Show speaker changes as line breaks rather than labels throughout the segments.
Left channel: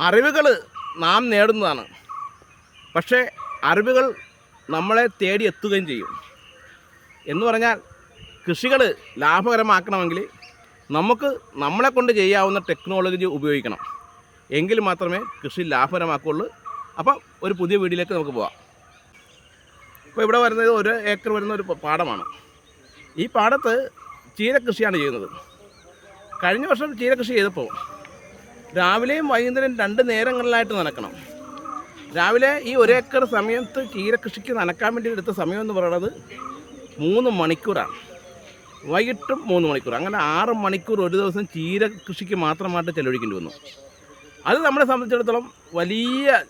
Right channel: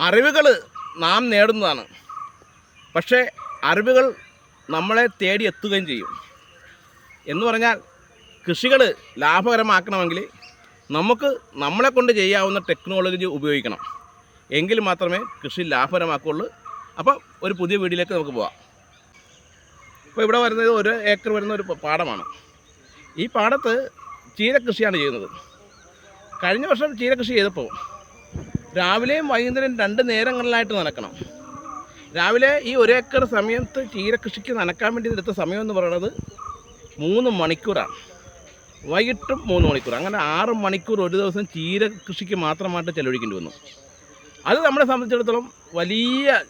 അറിവുകൾ നാം നേടുന്നതാണ്. പക്ഷേ അറിവുകൾ നമ്മളെ തേടി എത്തുകയും ചെയ്യും. എന്ന് പറഞ്ഞാൽ കൃഷികൾ ലാഭകരമാക്കണമെങ്കിൽ നമുക്ക് നമ്മളെ കൊണ്ട് ചെയ്യാവുന്ന ടെക്നോളജി ഉപയോഗിക്കണം. എങ്കിൽ മാത്രമേ കൃഷി ലാഭകരമാക്കുള്ളൂ അപ്പം ഒരു പുതിയ വീടിലേക്ക് നമുക്ക് പോവാം. അപ്പോൾ ഇവിടെ വരുന്നത് ഒരു ഏക്കർ വരുന്ന ഒരു പാടമാണ്. ഈ പാടത്ത് ചീരകൃഷിയാണ് ചെയ്യുന്നത്. കഴിഞ്ഞ വർഷം ചീരകൃഷി ചെയ്തപ്പോൾ രാവിലെയും വൈകുന്നേരം രണ്ട് നേരങ്ങളിലായിട്ട് നനക്കണം. രാവിലെ ഈ ഒരേക്കർ സമയത്ത് ചീരകൃഷിക്ക് നനക്കാൻ വേണ്ടി എടുത്ത സമയം എന്ന് പറയുന്നത് മൂന്ന് മണിക്കൂറാണ്. വൈകിട്ടും മൂന്ന് മണിക്കൂർ. അങ്ങനെ ആറ് മണിക്കൂർ ഒരു ദിവസം ചീര കൃഷിക്ക് മാത്രമായിട്ട് ചെലവഴിക്കേണ്ടി വന്നു. അത് നമ്മളെ സംബന്ധിച്ചിടത്തോളം വലിയ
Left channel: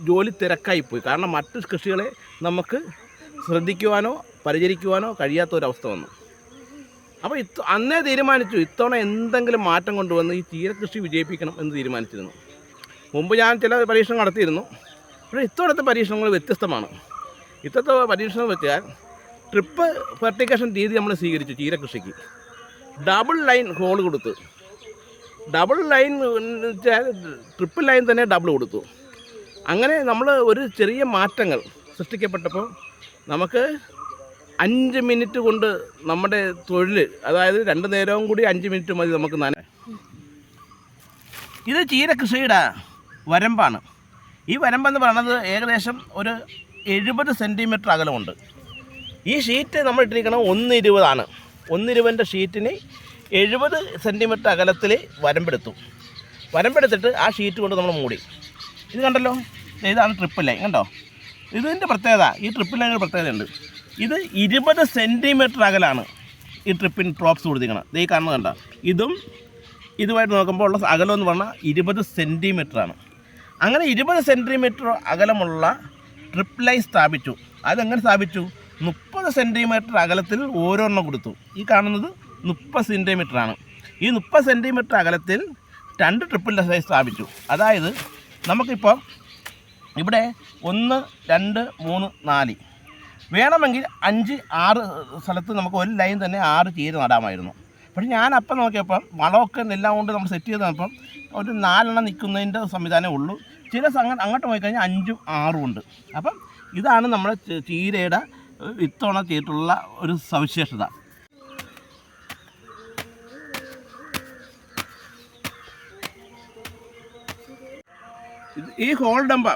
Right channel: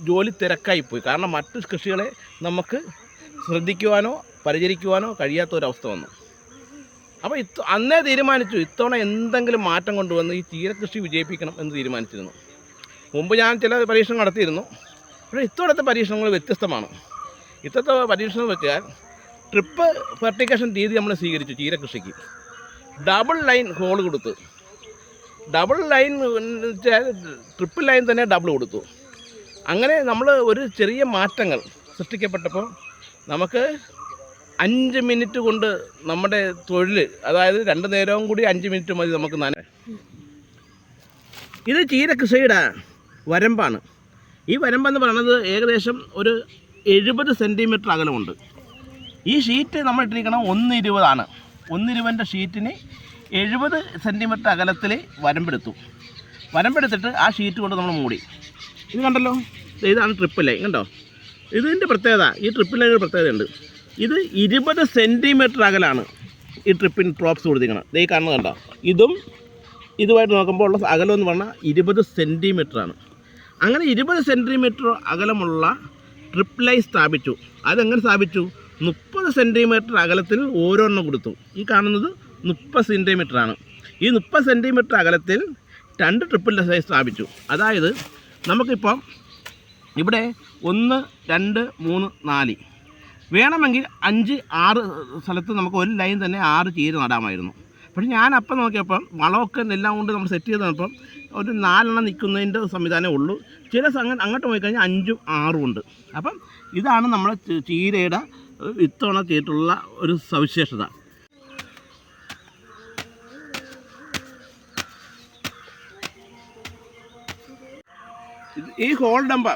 ജോലി തിരക്കായി പോയി. കാരണം മറ്റ് കൃഷികളെ നമുക്ക് ശ്രദ്ധിക്കുവാനോ പരിചരിക്കുവാനോ കഴിയാത്ത ഒരവസ്ഥ വന്നു. അപ്പോൾ ഇത്ത അന്നേ തീരുമാനിച്ചു ഇത്തവണ എന്തെങ്കിലും മാറ്റം കൊണ്ടുവന്ന് ഈ തീരകൃഷി വിജയിപ്പിക്കണം എന്ന് തീരുമാനിച്ചിരുന്നു. മുമ്പ് ഞാൻ ചില പരീക്ഷണം നടത്തിയിരുന്നു. പക്ഷേ ഇത്തവണത്തെ പരീക്ഷണങ്ങൾ വ്യത്യസ്തമാണ്. ഇത്തവണത്തെ പരീക്ഷണം വെച്ചാൽ ട്രിപ്പ് ഫെർട്ടിക്കേഷൻ രീതി നമ്മൾ സ്വീകരിച്ചു ചീരകൃഷിക്ക് ഡബിൾ ലൈൻ ഹോൾ കൊടുത്ത്. ഡബിൾ ലൈൻ ട്രിപ്പിൾ ലൈൻ തന്നെ ഡബിൾ കൊടുത്തു. അങ്ങനെ നമ്മൾ ഒരു ചെറിയ മാറ്റങ്ങൾ സൃഷ്ടിക്കപ്പെട്ടപ്പോൾ നമുക്ക് അഞ്ച് മിനിറ്റ് കൊണ്ട് നമ്മുടെ തൊഴിൽ അതായത് രണ്ട് നേരവും കൂടി അഞ്ച് മിനിറ്റ് മതി നമുക്ക് നന ഇത് ചീര കൃഷിയുടെ വരമ്പാണ്. ഈ വരമ്പെന്ന് പറയുന്നത് ഏകദേശം ഒരു എഴുപത് സെന്റിമീറ്റർ അകലമുണ്ട്. ഈ ഷീറ്റ് നമ്മൾ ഇട്ടിരിക്കണം ഒന്ന് ഇരുപതാണ് ഒന്ന് ഷീറ്റിന് എഴുപത് സെന്റിമീറ്റർ അകലത്തിൽ വരമ്പെടുത്തു. വരമ്പെടുത്തിട്ട് ആ ഷീറ്റ് കൊണ്ട് നമ്മൾ മൂടി. ഇത് കണ്ടല്ലോ? ഇതാണ് ട്രിപ്പ് ലൈൻ കണ്ടോ? ഇതിന്റെ പ്രത്യേകത ഈ ട്രിപ്പിൾ ഒരു പ്രത്യേകതയുണ്ട്. ഇത് ഇരുപത് സെന്റിമീറ്റർ അകലാണ് ഈ ട്രിപ്പിൻ ഡ്രോപ്സ് കൊടുത്തിരിക്കുന്നത് ഈ കാണുന്നത് കണ്ട? ഇതും ഇതുമായിട്ട് നോക്കുമ്പോൾ ഉള്ള അകലം എന്ന് പറഞ്ഞാൽ ഇരുപത് സെന്റിമീറ്ററാണ് അങ്ങനെ ഇരുപത് സെന്റിമീറ്റർ അകലമുള്ള ട്രിപ്പ് ലൈൻ സ്ഥാപിച്ചു. അതെങ്ങനെ സ്ഥാപിച്ചു? മുപ്പത് സെന്റിമീറ്റർ അകലത്തിൽ ഓരോരെണ്ണം കൊടുത്തു. ഈ കാണുന്നത് മുപ്പത് സെന്റിമീറ്റർ ആണ്. ഈ മുപ്പത് സെന്റിമീറ്റർ അകലത്തിൽ രണ്ട് ട്രിപ്പിൾ ലൈൻ സ്ഥാപിച്ചു. അതായത് നമുക്കിപ്പോൾ ഇവിടെ ഒന്ന് രണ്ട് മൂന്ന് നാല് വേണമെങ്കിൽ അഞ്ച് ആറ് സ്ഥലത്ത് നമുക്ക് ഒരു ലൈൻ തന്നെ ആറ് ചീര നടാമായിരുന്നു. പക്ഷേ ഞാൻ അപ്പം നോക്കിയപ്പം വളമൊക്കെ എല്ലാം കൊണ്ട് നമ്മൾ സെറ്റ് ചെയ്ത് തന്നപ്പം ഒരു നാലെണ്ണം നിൽക്കുന്നതിന്റെ സംവിധാനമേ ഉള്ളൂ. ചില സംഘം അങ്ങോട്ട് പോയി കഴിഞ്ഞാൽ അഞ്ചും ആറും ഉണ്ട്. അപ്പം ഇതാണ് നമ്മുടെ ചീരയുടെ ഇത്തവണ ചെയ്തിട്ടുള്ള ഒരു സവിശേഷത. ഈ ഹോൾ ഡമ്പ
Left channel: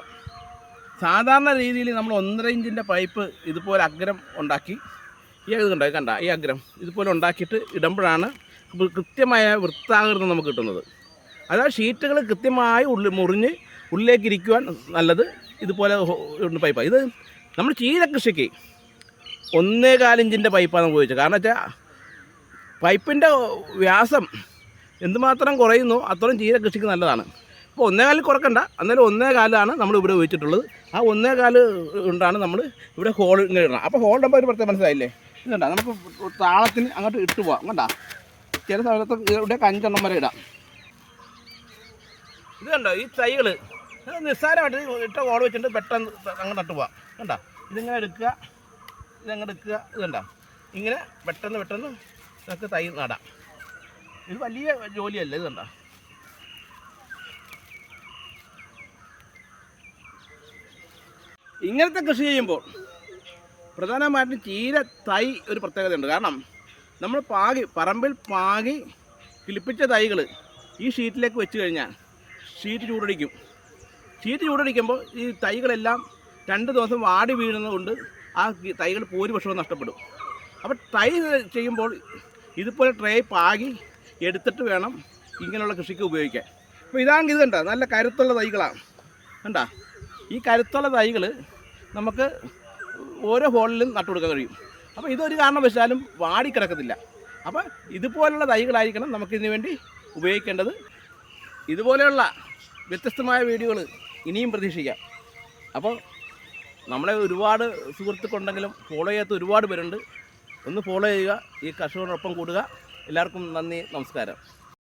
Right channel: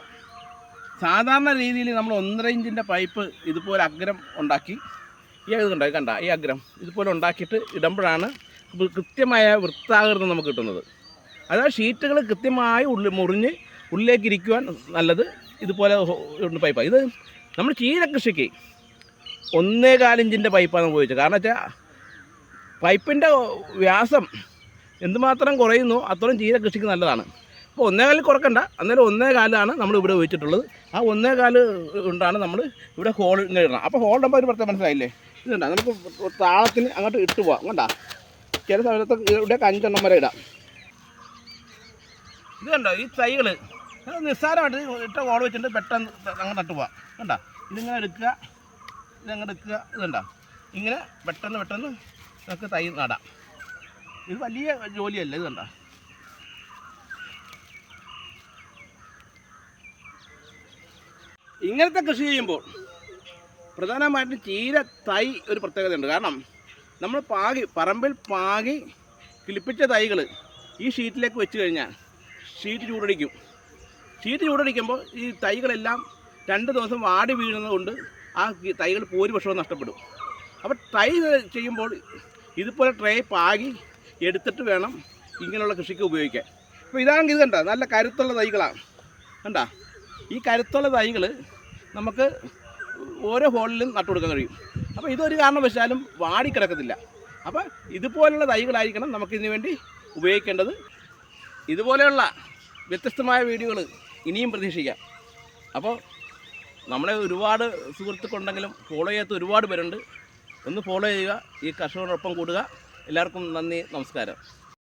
സാധാരണ രീതിയിൽ നമ്മൾ ഒന്നര ഇഞ്ചിന്റെ പൈപ്പ് ഇതുപോലെ അഗ്രം ഉണ്ടാക്കി. ഈ ഇത് കണ്ടോ ഈ അഗ്രം ഇതുപോലെ ഉണ്ടാക്കിയിട്ട് ഇടുമ്പോഴാണ് കൃത്യമായ വൃത്താകൃതം നമുക്ക് കിട്ടുന്നത്. അതായത് ഷീറ്റുകൾ കൃത്യമായി ഉള്ളിൽ മുറിഞ്ഞ് ഉള്ളിലേക്ക് ഇരിക്കുവാൻ നല്ലത് ഇതുപോലെ പൈപ്പാണ്. ഇത് നമ്മൾ ചീര കൃഷിക്ക് ഒന്നേ കാലിഞ്ചിന്റെ പൈപ്പാണ് ഉപയോഗിച്ചത്. കാരണം വെച്ചാൽ പൈപ്പിന്റെ വ്യാസം എന്തുമാത്രം കുറയുന്നു അത്രയും ചീര കൃഷിക്ക് നല്ലതാണ്. അപ്പോൾ ഒന്നേ കാലിൽ കുറക്കണ്ട. അന്നേരം ഒന്നേ കാലാണ് നമ്മൾ ഇവിടെ ഉപയോഗിച്ചിട്ടുള്ളത്. ആ ഒന്നേ കാൽ ഉണ്ടാണ് നമ്മൾ ഇവിടെ ഹോൾ ഇങ്ങനെ ഇടണം അപ്പോൾ ഹോൾ ഇടുമ്പോൾ ഒരു പ്രത്യേകം മനസ്സിലായില്ലേ? ഇതുണ്ട? നമുക്ക് താളത്തിന് അങ്ങോട്ട് ഇട്ട് പോവാം. കണ്ടാ? ചില സമയത്ത് ഇവിടെ അഞ്ചെണ്ണം വരെ ഇടാം. ഇത് കണ്ടോ ഈ തൈകൾ നിസ്സാരമായിട്ട് ഇട്ട ഹോൾ വെച്ചിട്ട് പെട്ടെന്ന് അങ്ങോട്ട് ഇട്ട് പോവാം. കണ്ടാ? ഇതിങ്ങനെ എടുക്കുക ഇതങ്ങോട്ട് എടുക്കുക. ഇതുണ്ടാ? ഇങ്ങനെ പെട്ടെന്ന് പെട്ടെന്ന് നമുക്ക് തൈ നടാം. ഇത് വലിയ ജോലിയല്ല ഇത് ഇങ്ങനത്തെ കൃഷി ചെയ്യുമ്പോൾ പ്രധാനമായിട്ടും ചീര തൈ ഒരു പ്രത്യേകതയുണ്ട്. കാരണം നമ്മൾ പാകി പറമ്പിൽ പാകി കിളിപ്പിച്ച തൈകൾ ഈ ഷീറ്റിലേക്ക് വെച്ച് കഴിഞ്ഞാൽ ഷീറ്റ് ചൂടടിക്കും. ഷീറ്റ് ചൂടടിക്കുമ്പോൾ ഈ തൈകളെല്ലാം രണ്ട് ദിവസം വാടി വീഴുന്നതുകൊണ്ട് ആ തൈകൾ ഭൂരിപക്ഷവും നഷ്ടപ്പെടും. അപ്പോൾ തൈ ചെയ്യുമ്പോൾ ഇതുപോലെ ട്രേ പാകി എടുത്തിട്ട് വേണം ഇങ്ങനെയുള്ള കൃഷിക്ക് ഉപയോഗിക്കാൻ. അപ്പോൾ ഇതാണെങ്കിൽ ഇത് കണ്ട? നല്ല കരുത്തുള്ള തൈകളാണ്. കണ്ട? ഈ കരുത്തുള്ള തൈകൾ നമുക്ക് ഓരോ ഹോളിലും നട്ടു കൊടുക്കാൻ കഴിയും. അപ്പോൾ ഇതൊരു കാരണം കാരണവശാലും വാടിക്കിടക്കത്തില്ല. അപ്പോൾ ഇതുപോലുള്ള തൈകളായിരിക്കണം നമുക്കിതിനു വേണ്ടി ഉപയോഗിക്കേണ്ടത്. ഇതുപോലെയുള്ള വ്യത്യസ്തമായ വീഡിയോകൾ ഇനിയും പ്രതീക്ഷിക്കാം. അപ്പോൾ നമ്മളെ ഒരുപാട് സുഹൃത്തുക്കളുണ്ടെങ്കിലും ഫോളോ ചെയ്യാത്ത ഒരുപാട് പേരുണ്ട്. ഒന്ന് ഫോളോ ചെയ്യുക ഈ കർഷകരോടൊപ്പം കൂടുക. എല്ലാവർക്കും നന്ദി നമസ്കാരം.